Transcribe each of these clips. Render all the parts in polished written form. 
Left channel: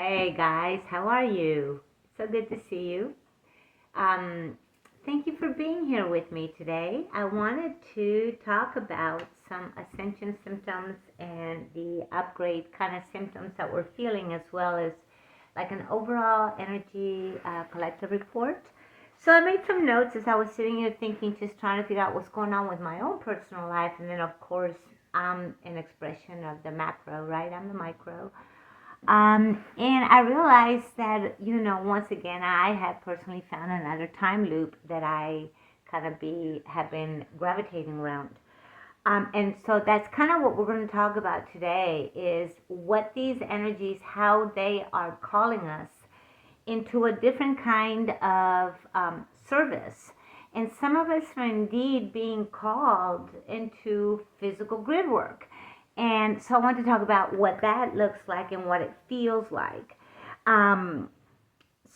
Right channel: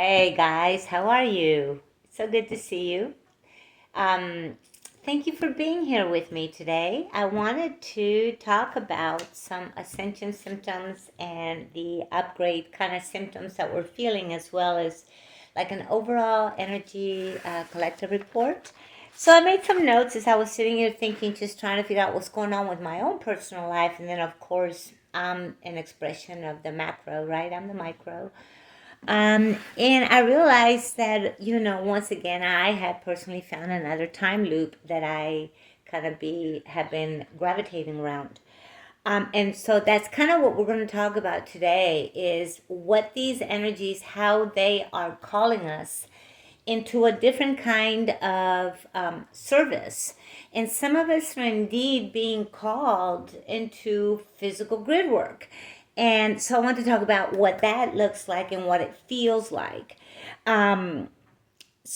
Hey guys, how are you? So good to see you. Um, Thank you for being here with me today. I wanted to talk about some ascension symptoms and the upgrade kind of symptoms that we're feeling, as well as like an overall energy collective report. So I made some notes as I was sitting here thinking, just trying to figure out what's going on with my own personal life, and then of course I'm an expression of the macro, right? I'm the micro. And I realized that, once again, I have personally found another time loop that I kind of have been gravitating around. And so that's kind of what we're going to talk about today is what these energies, how they are calling us into a different kind of service. And some of us are indeed being called into physical grid work. And so I want to talk about what that looks like and what it feels like. Um,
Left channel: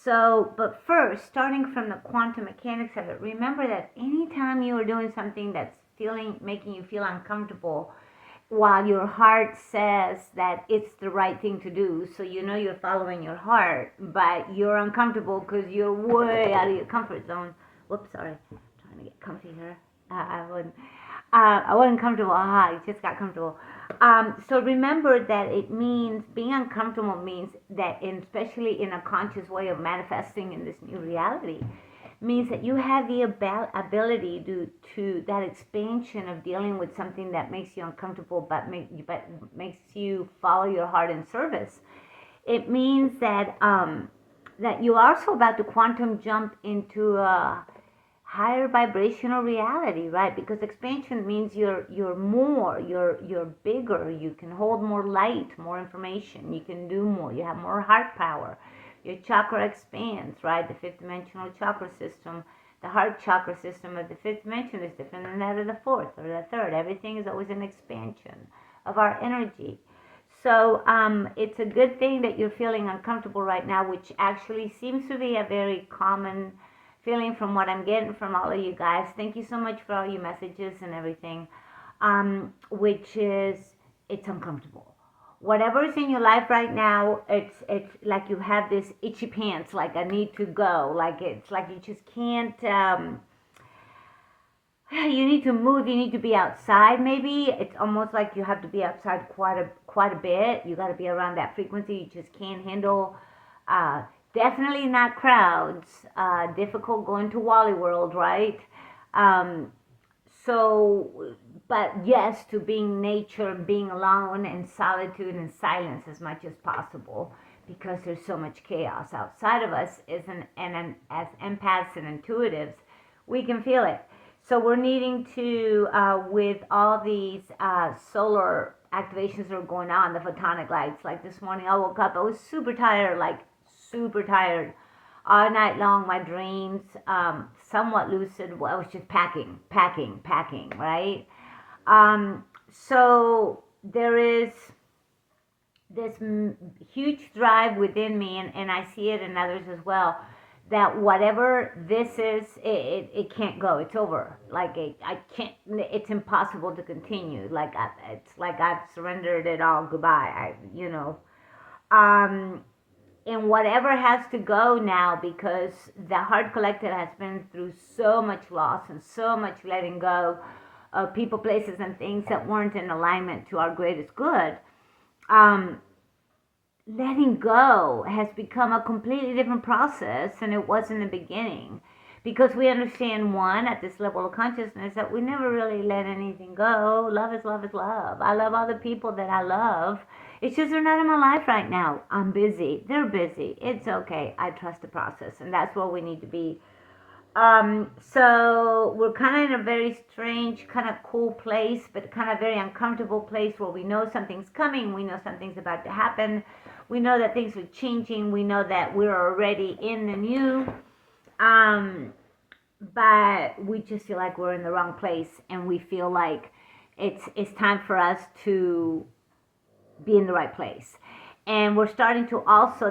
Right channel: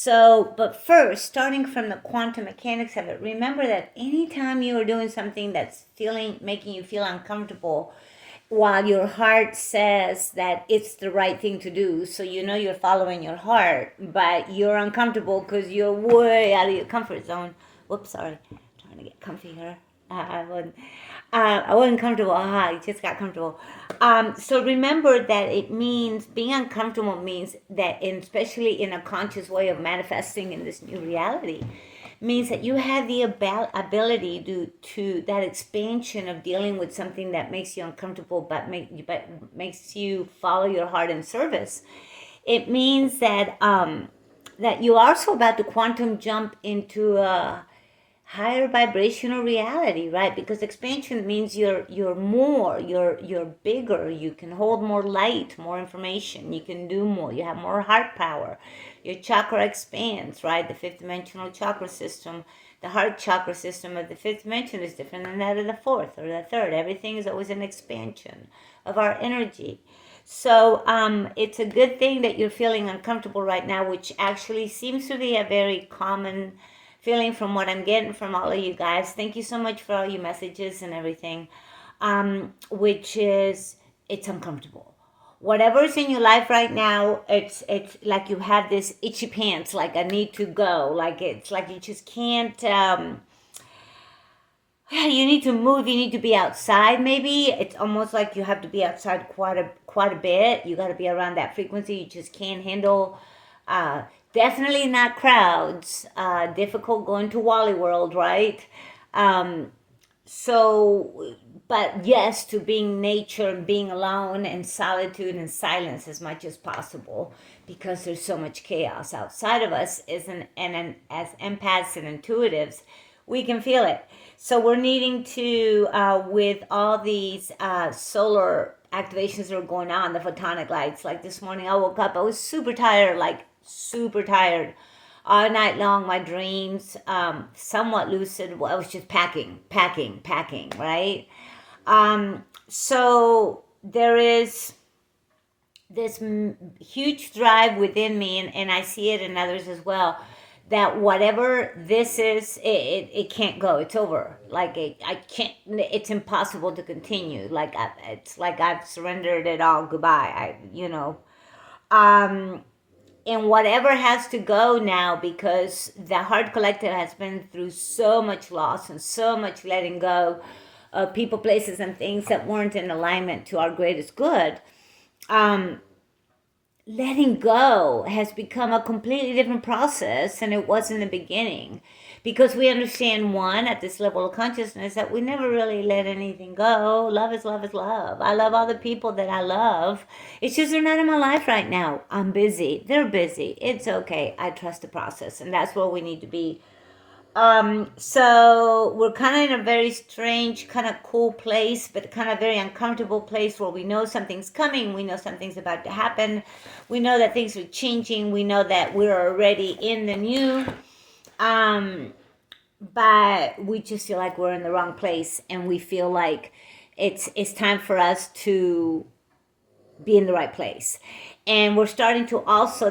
but first, starting from the quantum mechanics of it, remember that anytime you are doing something that's making you feel uncomfortable, while your heart says that it's the right thing to do, so you're following your heart, but you're uncomfortable because you're way out of your comfort zone. Whoops, sorry, I'm trying to get comfy here. I wasn't comfortable. I just got comfortable. So remember that it means being uncomfortable means that, especially in a conscious way of manifesting in this new reality, means that you have the ability to that expansion of dealing with something that makes you uncomfortable, but makes you follow your heart in service. It means that you're also about to quantum jump into a higher vibrational reality, right? Because expansion means you're bigger, you can hold more light, more information, you can do more, you have more heart power, your chakra expands, right? The fifth dimensional chakra system, the heart chakra system of the fifth dimension is different than that of the fourth or the third. Everything is always an expansion of our energy. So it's a good thing that you're feeling uncomfortable right now, which actually seems to be a very common feeling from what I'm getting from all of you guys. Thank you so much for all your messages and everything. Which is, it's uncomfortable. Whatever's in your life right now, it's like you have this itchy pants, like I need to go, like it's like you just can't. You need to move. You need to be outside. Maybe it's almost like you have to be outside quite a bit. You got to be around that frequency. You just can't handle. Uh, Definitely not crowds. Difficult going to Wally World, right? Um, but yes, to being nature, being alone in solitude and silence as much as possible, because there's so much chaos outside of us. As empaths and intuitives, we can feel it. So we're needing to, with all these solar activations that are going on, the photonic lights. Like this morning, I woke up, I was super tired, like super tired all night long. My dreams, somewhat lucid. Well, I was just packing, right? So there is this huge drive within me, and I see it in others as well, that whatever this is, it can't go. It's over. Like I can't. It's impossible to continue. It's like I've surrendered it all. Goodbye. Um, and whatever has to go now, because the Heart Collective has been through so much loss and so much letting go of people, places, and things that weren't in alignment to our greatest good. Um, Letting go has become a completely different process than it was in the beginning, because we understand, one, at this level of consciousness, that we never really let anything go. Love is love is love. I love all the people that I love. It's just they're not in my life right now. I'm busy. They're busy. It's okay. I trust the process, and that's where we need to be. So we're kind of in a very strange, kind of cool place, but kind of very uncomfortable place, where we know something's coming. We know something's about to happen. We know that things are changing. We know that we're already in the new. But we just feel like we're in the wrong place, and we feel like it's time for us to be in the right place. And we're starting to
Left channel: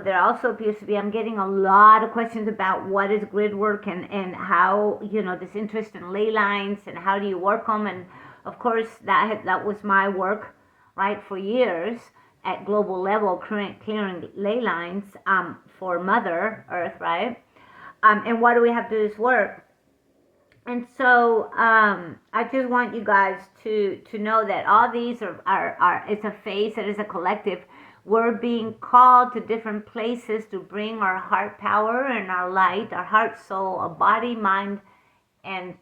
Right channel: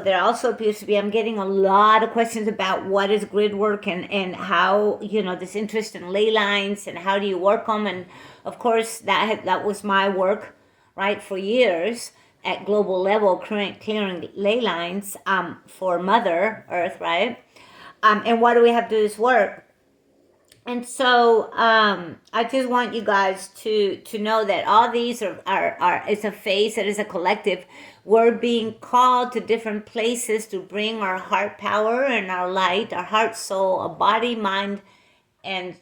there also appears to be, I'm getting a lot of questions about what is grid work, and how, this interest in ley lines and how do you work them. And of course, that was my work, right, for years, at global level, clearing ley lines for Mother Earth, right? And why do we have to do this work? And so I just want you guys to know that all these are it's a phase, it is a collective. We're being called to different places to bring our heart power and our light, our heart, soul, our body, mind, and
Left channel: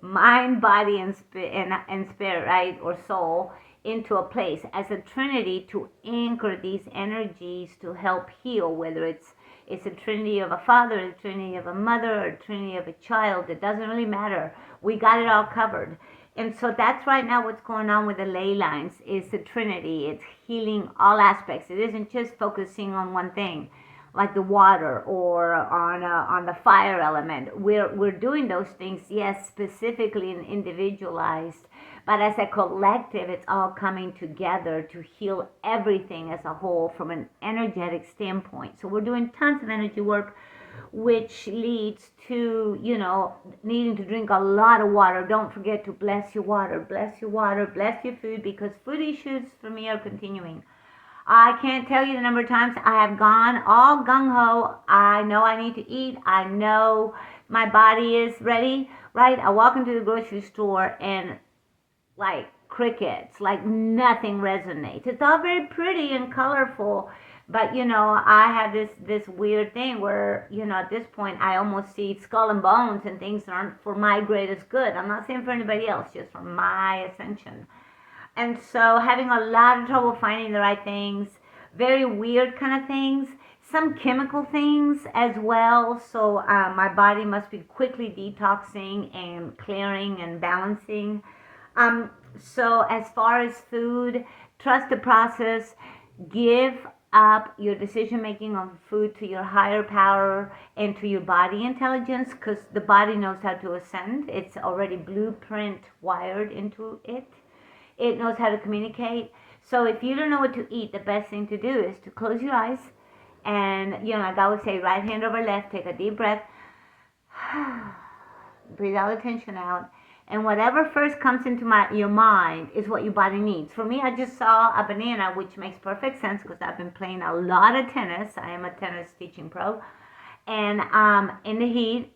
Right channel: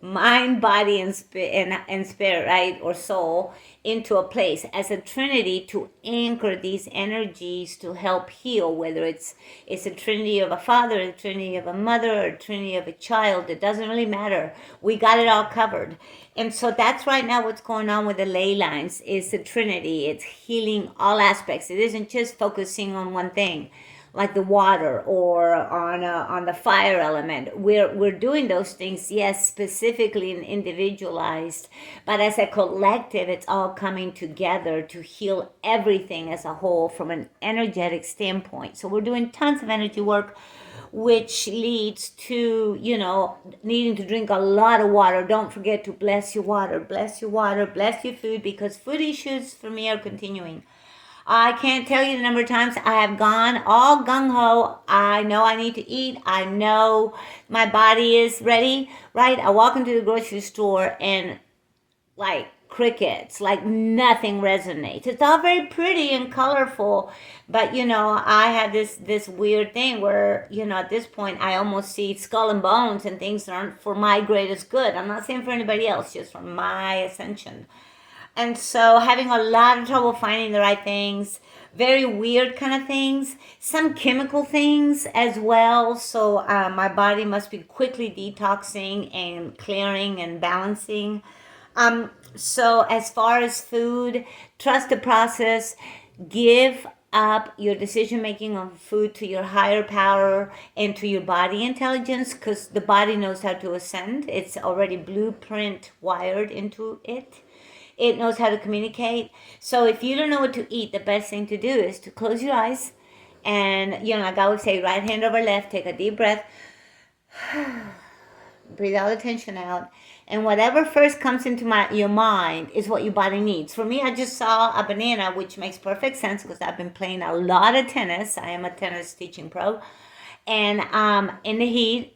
mind, body, and spirit, right, or soul, into a place as a trinity to anchor these energies to help heal. Whether it's a trinity of a father, a trinity of a mother, or a trinity of a child, it doesn't really matter. We got it all covered. And so that's right now what's going on with the ley lines is the trinity. It's healing all aspects. It isn't just focusing on one thing, like the water or on the fire element. We're doing those things, yes, specifically and individualized, but as a collective, it's all coming together to heal everything as a whole from an energetic standpoint. So we're doing tons of energy work, which leads to, needing to drink a lot of water. Don't forget to bless your water, bless your water, bless your food, because food issues for me are continuing. I can't tell you the number of times I have gone all gung-ho. I know I need to eat. I know my body is ready, right? I walk into the grocery store and like crickets, like nothing resonates. It's all very pretty and colorful, but I had this weird thing where at this point I almost see skull and bones and things that aren't for my greatest good. I'm not saying for anybody else, just for my ascension. And so having a lot of trouble finding the right things, very weird kind of things, some chemical things as well. So my body must be quickly detoxing and clearing and balancing. So as far as food, trust the process. Give up your decision making on food to your higher power and to your body intelligence, because the body knows how to ascend. It's already blueprint wired into it. It knows how to communicate. So if you don't know what to eat, the best thing to do is to close your eyes and, like I would say, right hand over left, take a deep breath, breathe all the tension out. And whatever first comes into your mind is what your body needs. For me, I just saw a banana, which makes perfect sense because I've been playing a lot of tennis. I am a tennis teaching pro. And in the heat,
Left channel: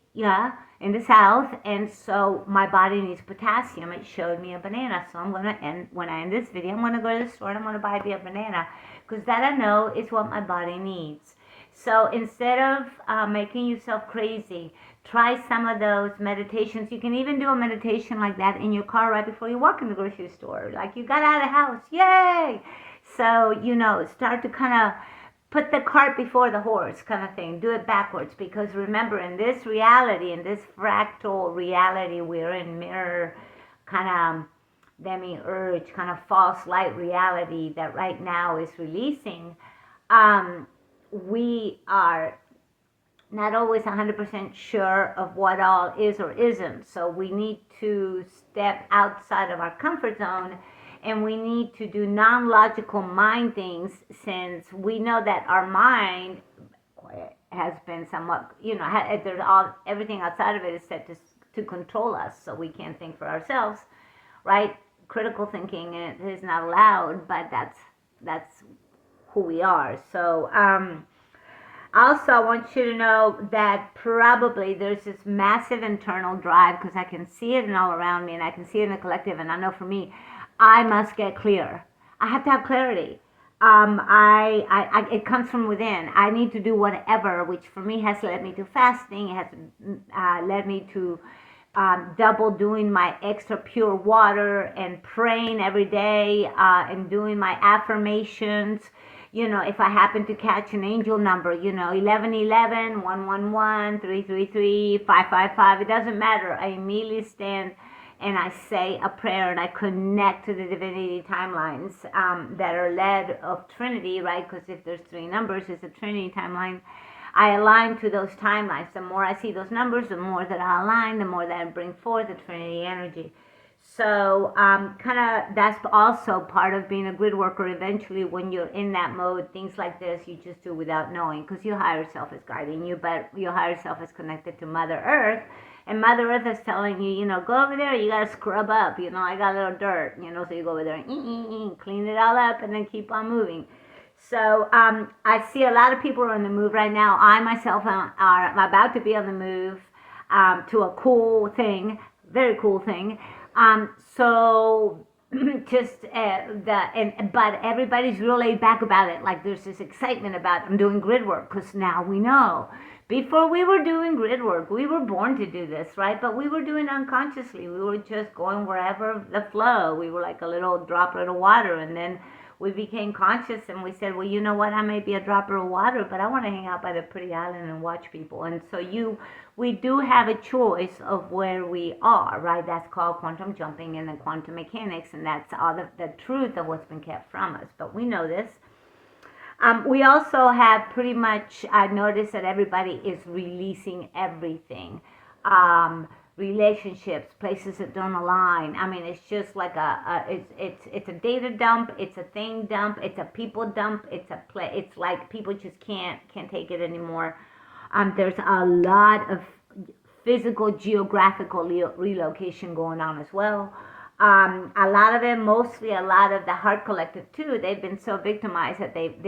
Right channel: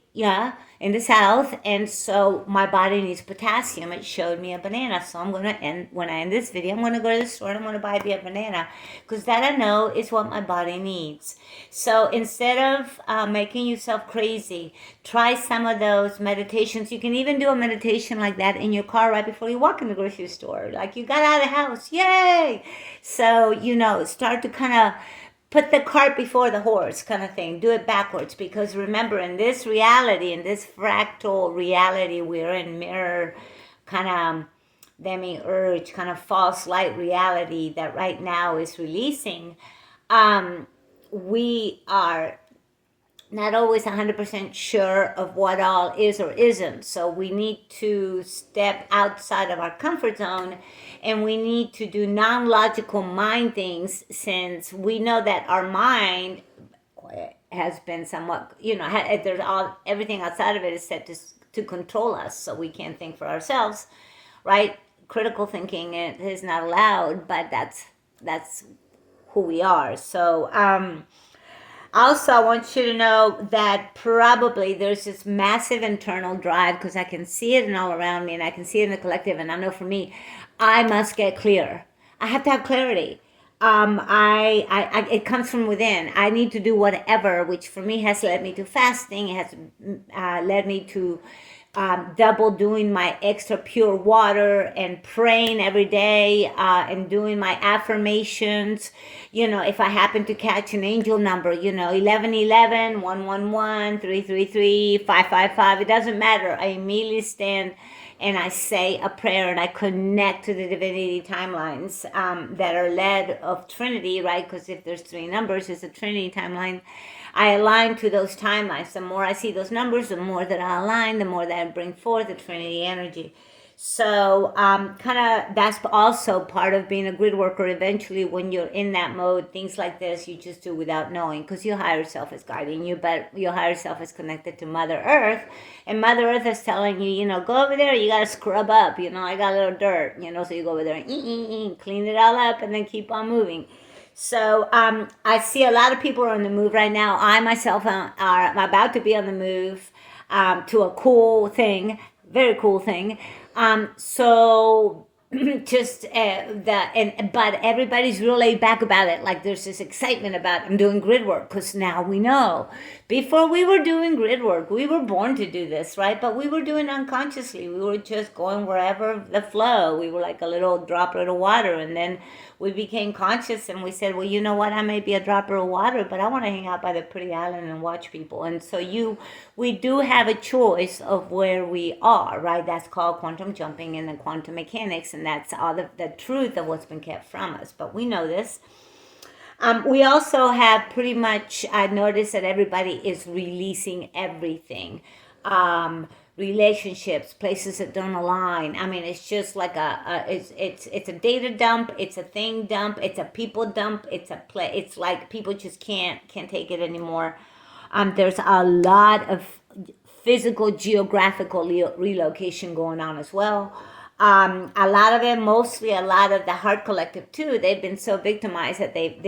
in the south, and so my body needs potassium. It showed me a banana, so I'm gonna when I end this video, I'm gonna go to the store and I'm gonna buy me a banana, because that I know is what my body needs. So instead of making yourself crazy, try some of those meditations. You can even do a meditation like that in your car right before you walk in the grocery store, like you got out of the house, yay! So start to kind of put the cart before the horse kind of thing. Do it backwards, because remember, in this reality, in this fractal reality, we're in mirror kind of demi-urge, kind of false light reality that right now is releasing. We are not always 100% sure of what all is or isn't. So we need to step outside of our comfort zone, and we need to do non-logical mind things, since we know that our mind has been somewhat, there's everything outside of it is set to control us, so we can't think for ourselves, right? Critical thinking is not allowed, but that's who we are. So also, I want you to know that probably there's this massive internal drive, because I can see it all around me, and I can see it in the collective, and I know for me, I must get clear. I have to have clarity. It comes from within. I need to do whatever, which for me has led me to fasting. It has led me to double doing my extra pure water and praying every day and doing my affirmations. If I happen to catch an angel number, 1111, 111, 333, 555, it doesn't matter. I immediately stand and I say a prayer, and I connect to the divinity timelines that are led of Trinity, right? Because if there's three numbers, it's a Trinity timeline. I align to those timelines. The more I see those numbers, the more that I align, the more that I bring forth the Trinity energy. So kind of that's also part of being a grid worker. Eventually, when you're in that mode, things like this you just do without knowing, because your higher self is guiding you, but your higher self is connected to Mother Earth, and Mother Earth is telling you, go over there, you got to scrub up, I got a little dirt, so you go over there and clean it all up and then keep on moving. So I see a lot of people are on the move right now. I myself am about to be on the move to a cool thing, very cool thing. So just but everybody's real laid back about it. Like there's this excitement about I'm doing grid work, because now we know. Before we were doing grid work, we were born to do this, right? But we were doing it unconsciously. We were just going wherever the flow. We were like a little droplet of water, and then we became conscious and we said, well, you know what? I may be a dropper of water, but I want to hang out by the pretty island and watch people. And so we do have a choice of where we are, right? That's called quantum jumping and the quantum mechanics. And that's all the truth of what's been kept from us. But we know this. We also have pretty much, I noticed that everybody is releasing everything. Relationships, places that don't align. I mean, it's just like it's a data dump, it's a thing dump, it's a people dump, it's like people just can't take it anymore. There's a lot of physical, geographical relocation going on as well. A lot of them, mostly a lot of the Heart Collective too, they've been so victimized that a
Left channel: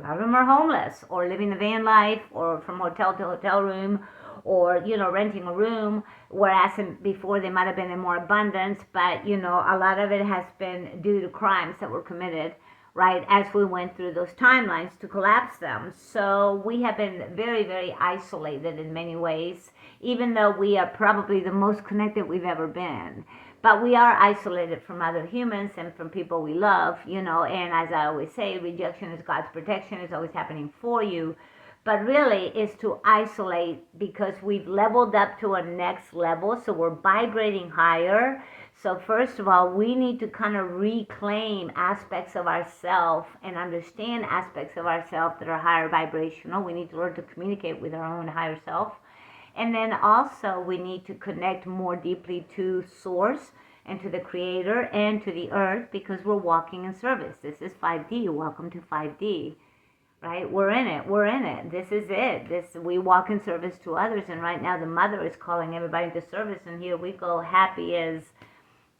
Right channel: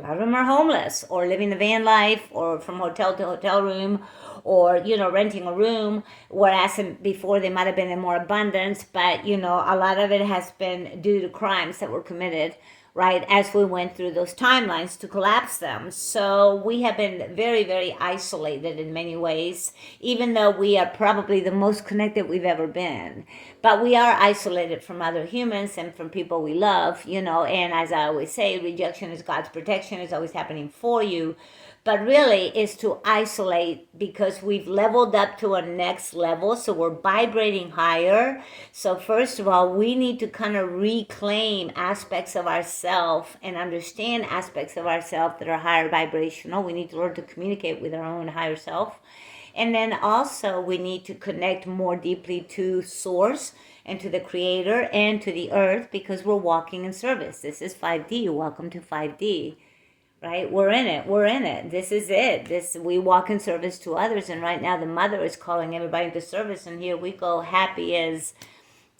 lot of them are homeless or living the van life or from hotel to hotel room, or renting a room, whereas before they might have been in more abundance, but a lot of it has been due to crimes that were committed, right, as we went through those timelines to collapse them. So we have been very, very isolated in many ways, even though we are probably the most connected we've ever been. But we are isolated from other humans and from people we love, and as I always say, rejection is God's protection. It's always happening for you. But really is to isolate, because we've leveled up to a next level. So we're vibrating higher. So first of all, we need to kind of reclaim aspects of ourselves and understand aspects of ourselves that are higher vibrational. We need to learn to communicate with our own higher self. And then also we need to connect more deeply to source and to the creator and to the earth, because we're walking in service. This is 5D. Welcome to 5D. Right? We're in it. This is it. We walk in service to others. And right now the mother is calling everybody into service. And here we go, happy as,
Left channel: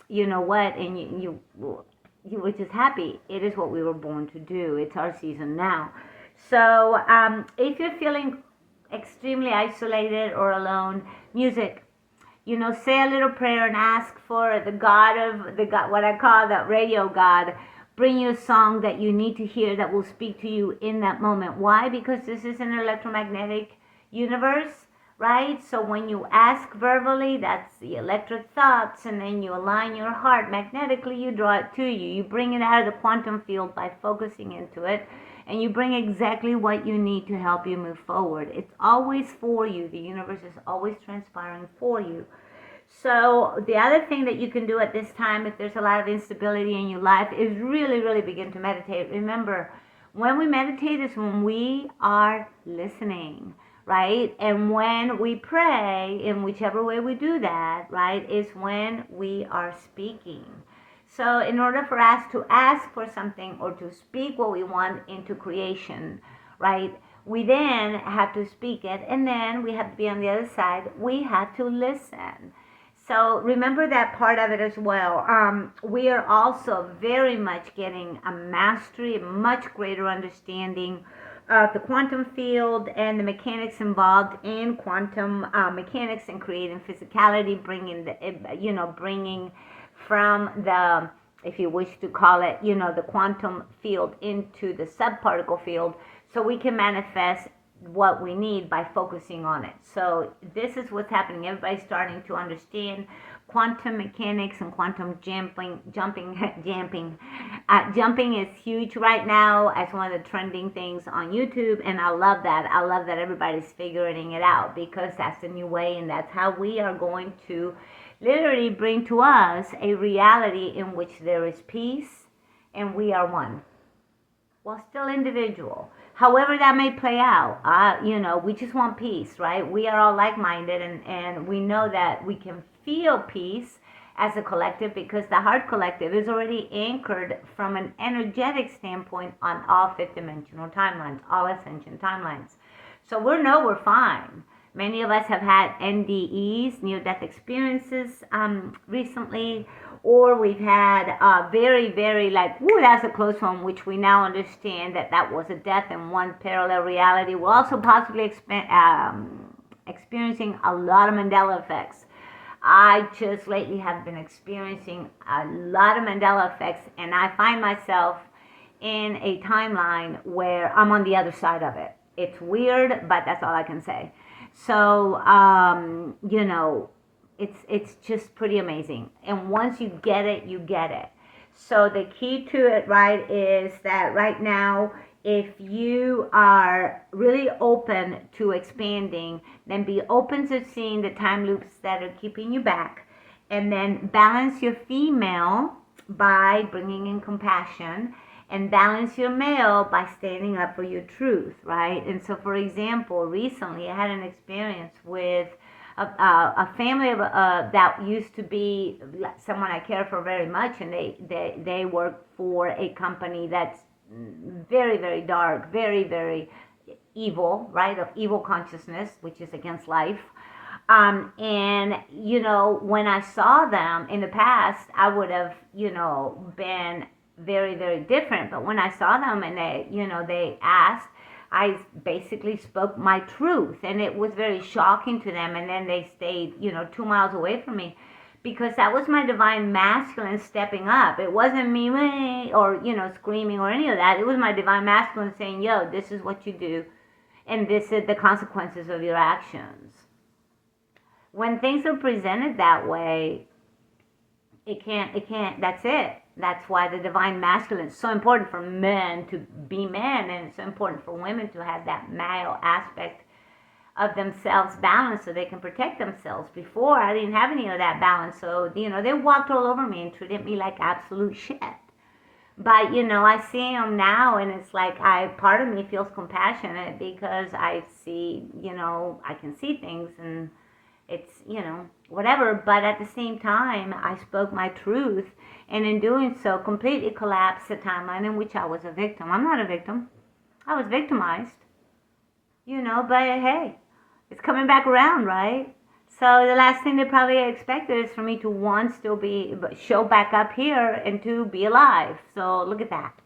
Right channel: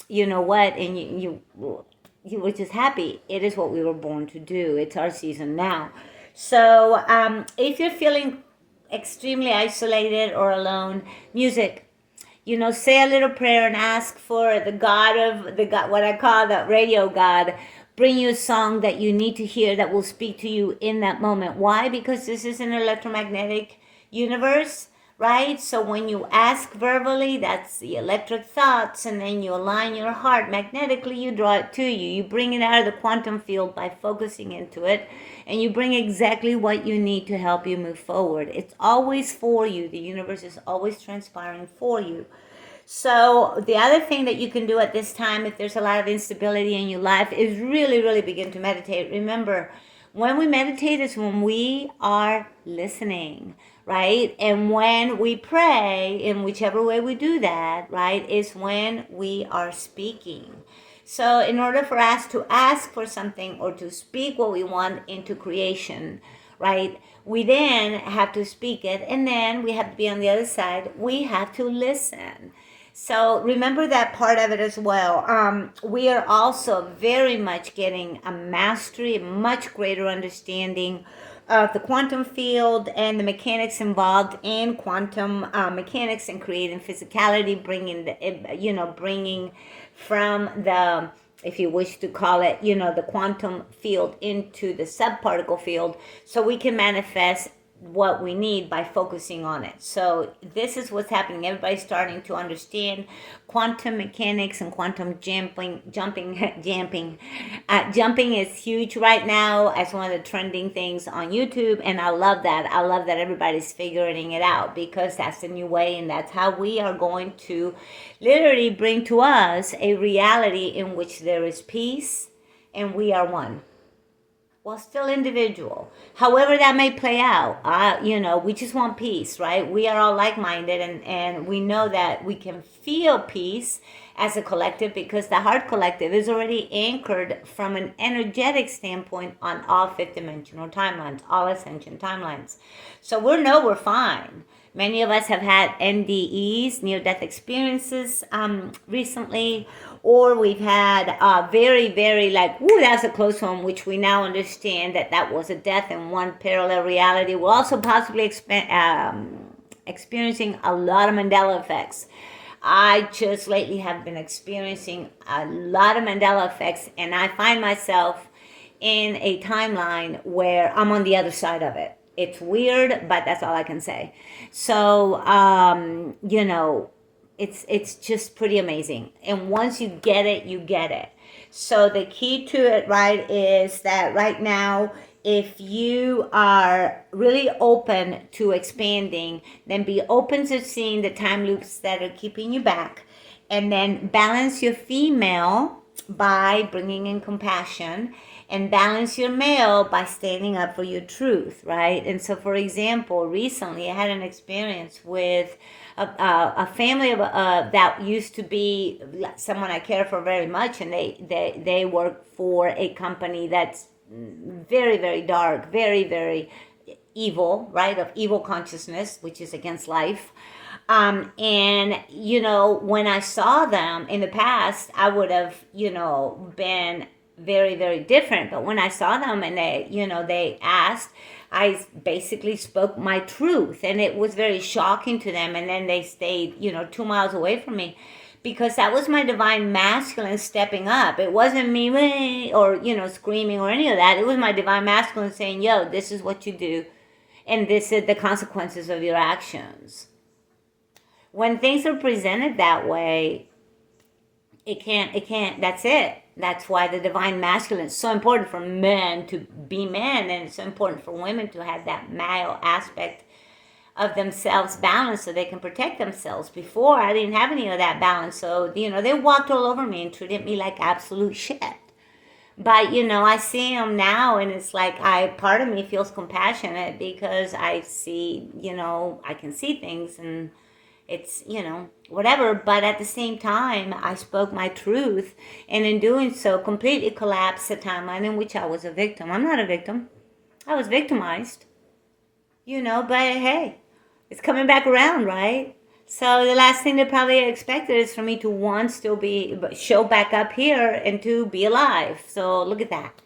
what? And you were just happy. It is what we were born to do. It's our season now. So if you're feeling extremely isolated or alone, music, say a little prayer and ask for the God, what I call the radio God, bring you a song that you need to hear that will speak to you in that moment. Why? Because this is an electromagnetic universe, right? So when you ask verbally, that's the electric thoughts, and then you align your heart magnetically, you draw it to you. You bring it out of the quantum field by focusing into it, and you bring exactly what you need to help you move forward. It's always for you. The universe is always transpiring for you. So the other thing that you can do at this time, if there's a lot of instability in your life, is really, really begin to meditate. Remember, when we meditate is when we are listening, right? And when we pray, in whichever way we do that, right, is when we are speaking. So in order for us to ask for something or to speak what we want into creation, right, we then have to speak it, and then we have to be on the other side. We have to listen. So remember that part of it as well. We are also very much getting a mastery, a much greater understanding of the quantum field and the mechanics involved in quantum mechanics and creating physicality, bringing from the, if you wish to call it, the quantum field into the subparticle field, so we can manifest what we need by focusing on it. So this is what's happening. Everybody's starting to understand quantum mechanics and quantum jumping. Jumping is huge right now as one of the trending things on YouTube, and I love that. I love that everybody's figuring it out, because that's the new way, and that's how we are going to literally bring to us a reality in which there is peace and we are one. Well, still individual. However that may play out, we just want peace, right? We are all like-minded, and we know that we can feel peace as a collective, because the heart collective is already anchored from an energetic standpoint on all fifth dimensional timelines, all ascension timelines. So we're fine. Many of us have had NDEs, near-death experiences, recently, or we've had very, very like, ooh, that's a close one, which we now understand that was a death in one parallel reality. We're also possibly experiencing a lot of Mandela effects. I just lately have been experiencing a lot of Mandela effects, and I find myself in a timeline where I'm on the other side of it. It's weird, but that's all I can say. So, it's just pretty amazing. And once you get it, you get it. So the key to it, right, is that right now, if you are really open to expanding, then be open to seeing the time loops that are keeping you back, and then balance your female by bringing in compassion, and balance your male by standing up for your truth, right? And so, for example, recently I had an experience with a family that used to be someone I care for very much, and they work for a company that's very, very dark, very, very evil, right? Of evil consciousness, which is against life. And, when I saw them in the past, I would have, been very, very different. But when I saw them and they asked, I basically spoke my truth, and it was very shocking to them. And then they stayed, 2 miles away from me, because that was my divine masculine stepping up. It wasn't me or, screaming or any of that. It was my divine masculine saying, yo, this is what you do, and this is the consequences of your actions. When things are presented that way, it can't, that's it. That's why the divine masculine is so important for men to be men, and it's so important for women to have that male aspect of themselves balanced so they can protect themselves. Before, I didn't have any of that balance, so they walked all over me and treated me like absolute shit. But I see them now, and it's like part of me feels compassionate, because I see, I can see things, and it's, whatever. But at the same time, I spoke my truth, and in doing so, completely collapsed the timeline in which I was a victim. I'm not a victim. I was victimized, but hey, it's coming back around, right? So the last thing they probably expected is for me to, one, still show back up here, and two, be alive. So look at that.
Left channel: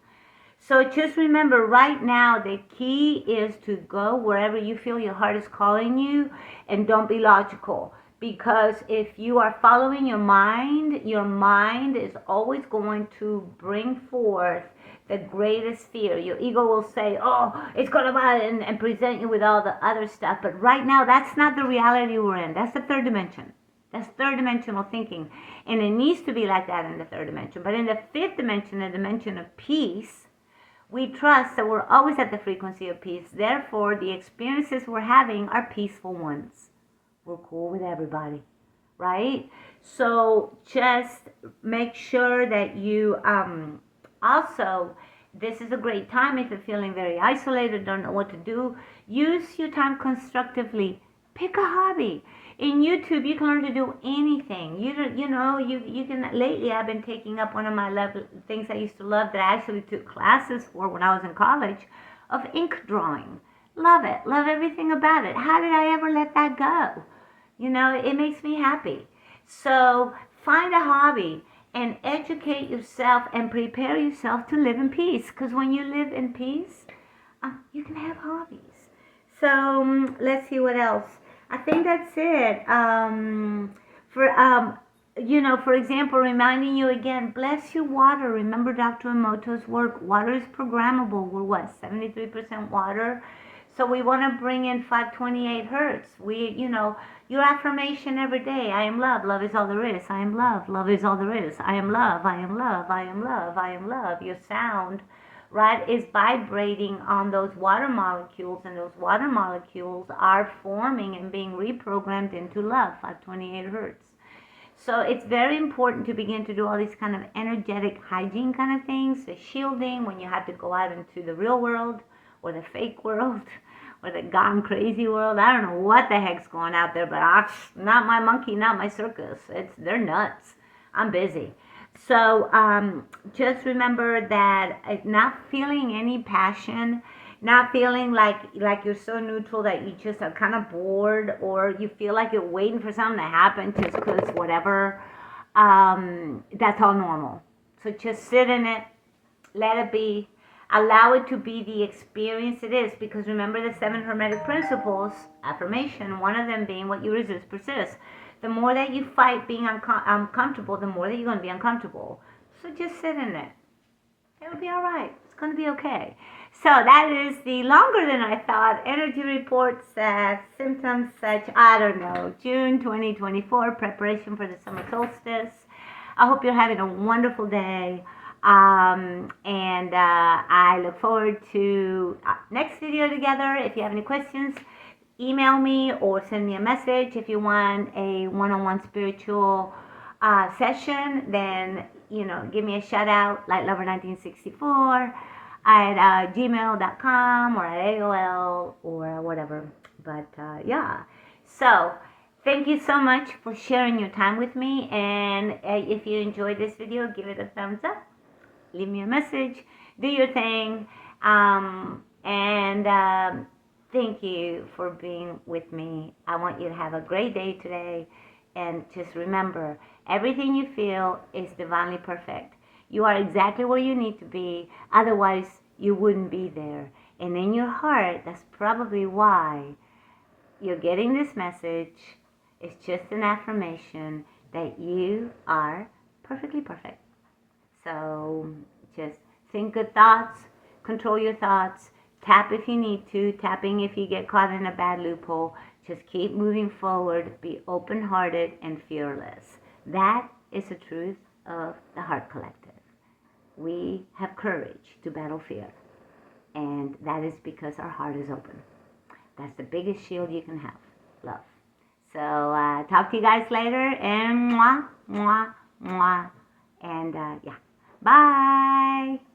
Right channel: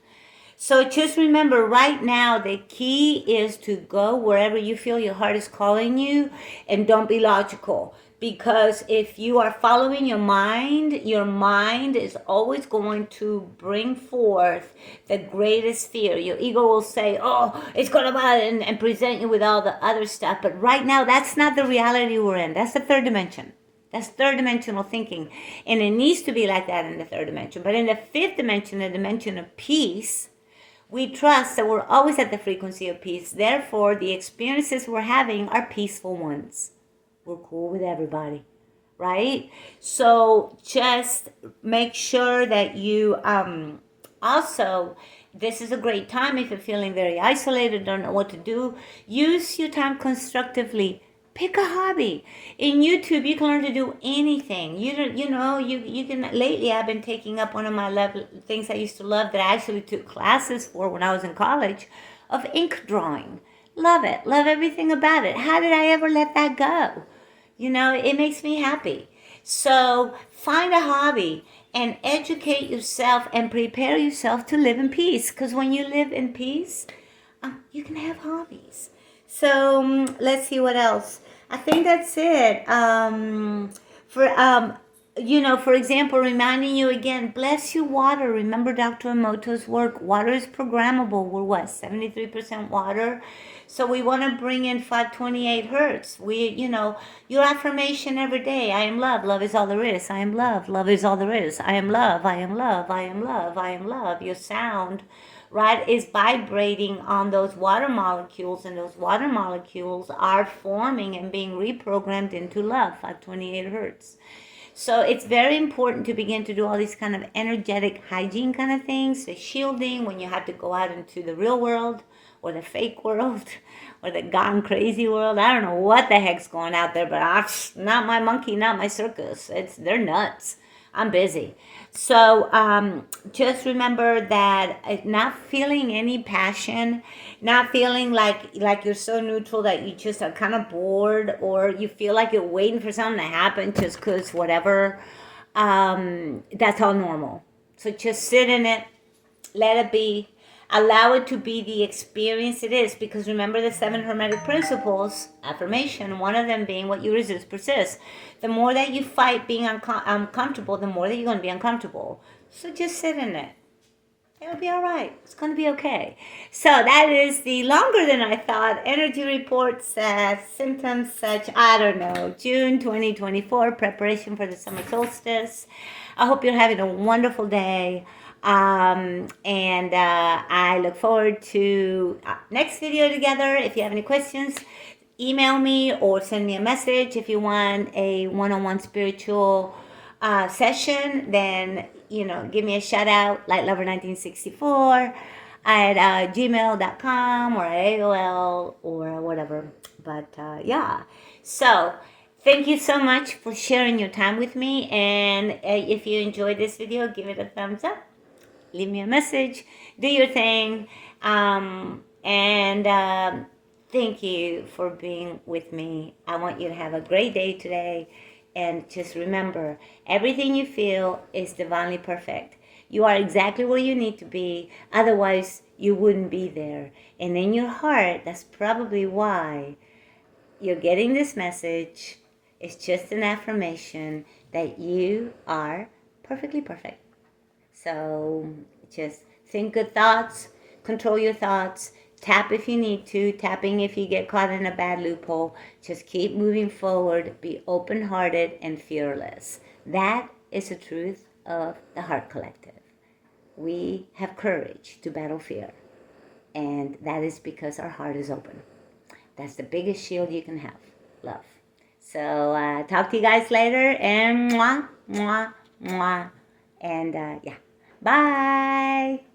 So just remember, right now, the key is to go wherever you feel your heart is calling you, and don't be logical. Because if you are following your mind is always going to bring forth the greatest fear. Your ego will say, oh, it's going to and present you with all the other stuff. But right now, that's not the reality we're in. That's the third dimension. That's third dimensional thinking. And it needs to be like that in the third dimension. But in the fifth dimension, the dimension of peace, we trust that we're always at the frequency of peace. Therefore, the experiences we're having are peaceful ones. We're cool with everybody, right? So just make sure that you also, this is a great time if you're feeling very isolated, don't know what to do. Use your time constructively. Pick a hobby. In YouTube, you can learn to do anything. You can. Lately, I've been taking up one of my things I used to love, that I actually took classes for when I was in college, of ink drawing. Love it. Love everything about it. How did I ever let that go? It makes me happy. So find a hobby and educate yourself and prepare yourself to live in peace. Because when you live in peace, you can have hobbies. So let's see what else. I think that's it. For example, reminding you again, bless your water. Remember Dr. Emoto's work. Water is programmable. We're 73% water. So we want to bring in 528 hertz. Your affirmation every day. I am love. Love is all there is. I am love. Love is all there is. I am love. I am love. I am love. I am love. Your sound, right, is vibrating on those water molecules, and those water molecules are forming and being reprogrammed into love, 528 hertz. So it's very important to begin to do all these kind of energetic hygiene kind of things, the shielding when you have to go out into the real world, or the fake world, or the gone crazy world. I don't know what the heck's going out there, but not my monkey, not my circus. They're nuts. I'm busy. So just remember that not feeling any passion, not feeling like you're so neutral that you just are kind of bored, or you feel like you're waiting for something to happen just because whatever, that's all normal. So just sit in it, let it be, allow it to be the experience it is, because remember the 7 hermetic principles affirmation, one of them being what you resist persists. The more that you fight being uncomfortable, the more that you're going to be uncomfortable. So just sit in it. It'll be all right. It's going to be okay. So that is the longer than I thought energy reports, symptoms such, I don't know, June 2024, preparation for the summer solstice. I hope you're having a wonderful day. And I look forward to next video together. If you have any questions, email me or send me a message. If you want a one-on-one spiritual session, then give me a shout out, lightlover1964 at gmail.com or at AOL or whatever. But yeah, so thank you so much for sharing your time with me. And if you enjoyed this video, give it a thumbs up, leave me a message, do your thing, and thank you for being with me. I want you to have a great day today, and just remember, everything you feel is divinely perfect. You are exactly where you need to be, otherwise you wouldn't be there. And in your heart, that's probably why you're getting this message. It's just an affirmation that you are perfectly perfect. So just think good thoughts, control your thoughts, tap if you need to, tapping if you get caught in a bad loophole. Just keep moving forward, be open-hearted and fearless. That is the truth of the Heart Collective. We have courage to battle fear, and that is because our heart is open. That's the biggest shield you can have, love. So talk to you guys later, and mwah, mwah, mwah. And yeah. Bye.